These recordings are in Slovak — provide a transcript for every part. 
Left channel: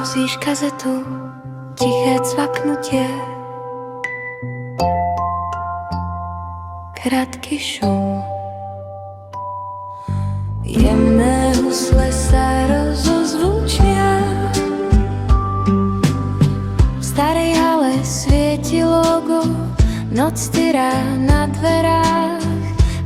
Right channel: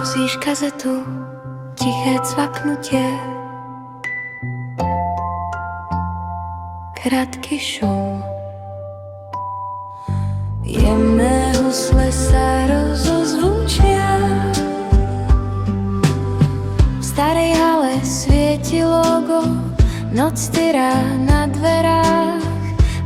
Pustíš kazetu, tiché cvaknutie, krátky šum. Jemné husle sa rozozvučia. V starej hale svieti logo, noc tyrá na dverách.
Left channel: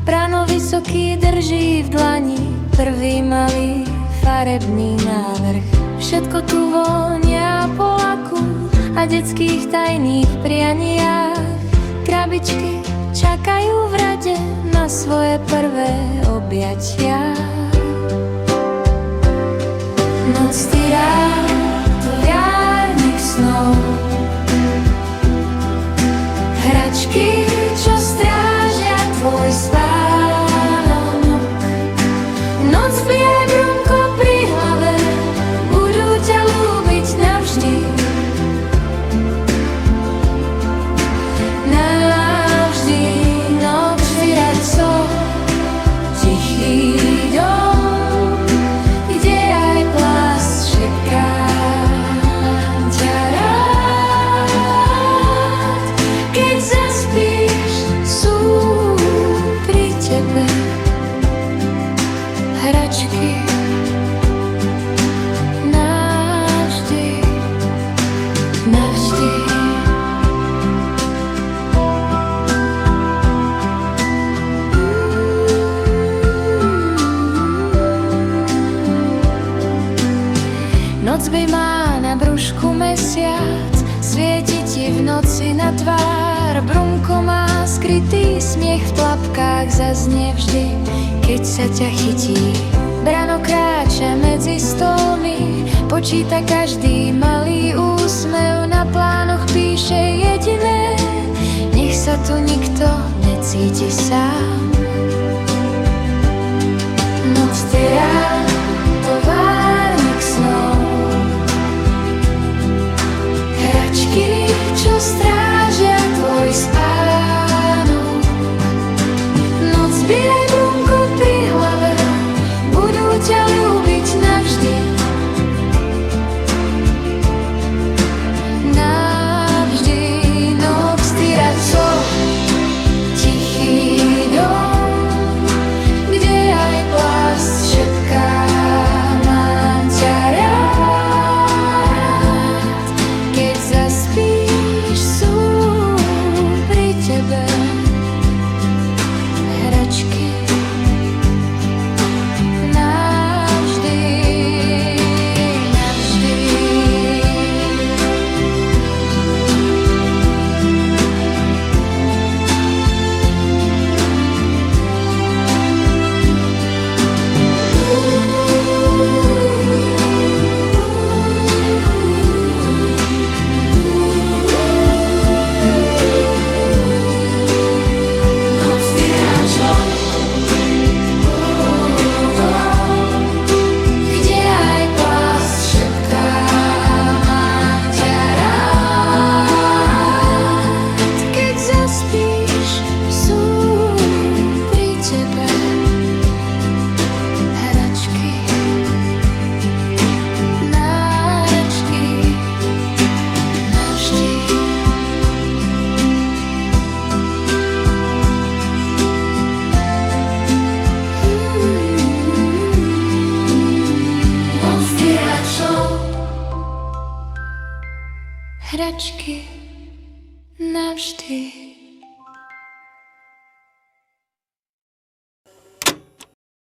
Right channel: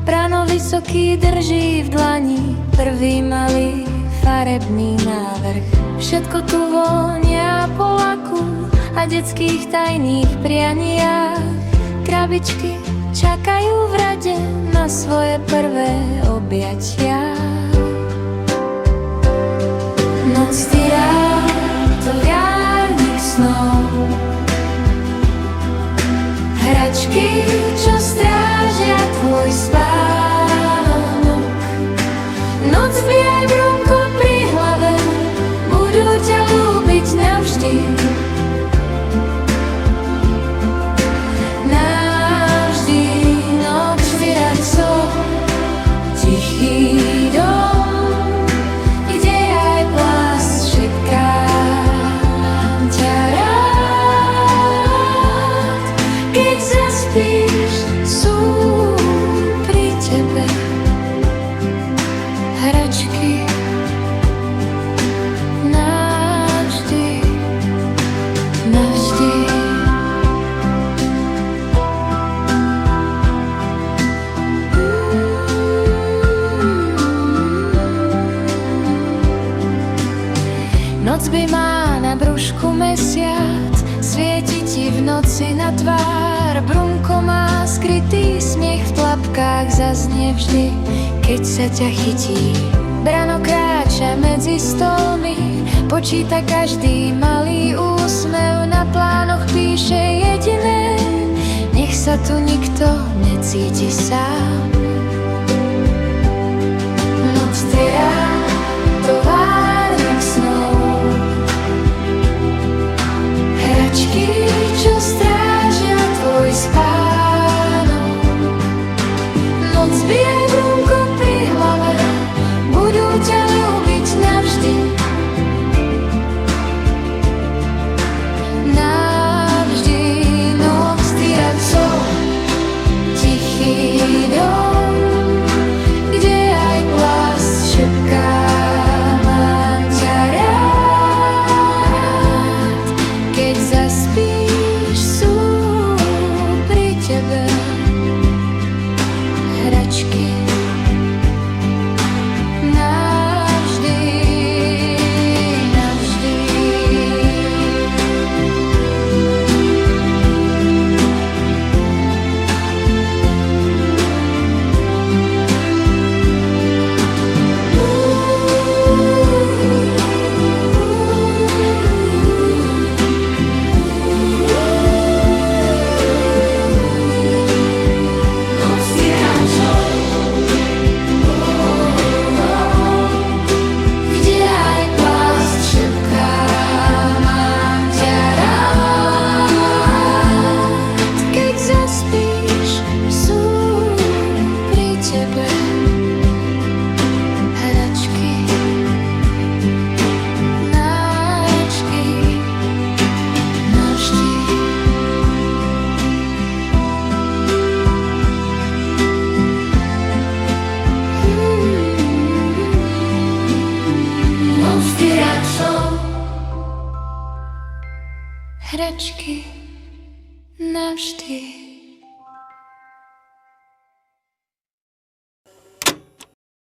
Brano vysoký drží v dlani prvý malý farebný návrh. Všetko tu vonia po laku a detských tajných prianiach. Krabičky čakajú v rade na svoje prvé objatia. Noc tyrá, to jarník snov. Hračky, čo strážia tvoj spánok. Noc bije brunko pri hlave, budú ťa ľúbiť navždy. Navždy. Noc tyrá, co tichý dom, kde aj plast čeká. Hračky navždy, navždy. Noc by má na brúšku mesiac, svieti ti v noci na tvár. Brunko má skrytý smiech v tlapkách, zaznie vždy, keď sa ťa chytí. Brano kráča medzi stolmi, počíta každý malý úsmev. Na plánoch píše jediné: nech sa tu nikto necíti sám. Noc tyrá, továrnik snov. Hračky, čo strážia tvoj spánok. Noc bijaj brunko pri hlave, budú ťa ľúbiť navždy. Navždy. Noc tyrá, co tichý dom, kde aj plast šepká. Mám ťa rád, keď zaspíš, sú pri tebe hračky navždy, navždy. Zaspíš, sú pri tebe hračky, náračky navždy. Noc tyrá, co hračky navždy.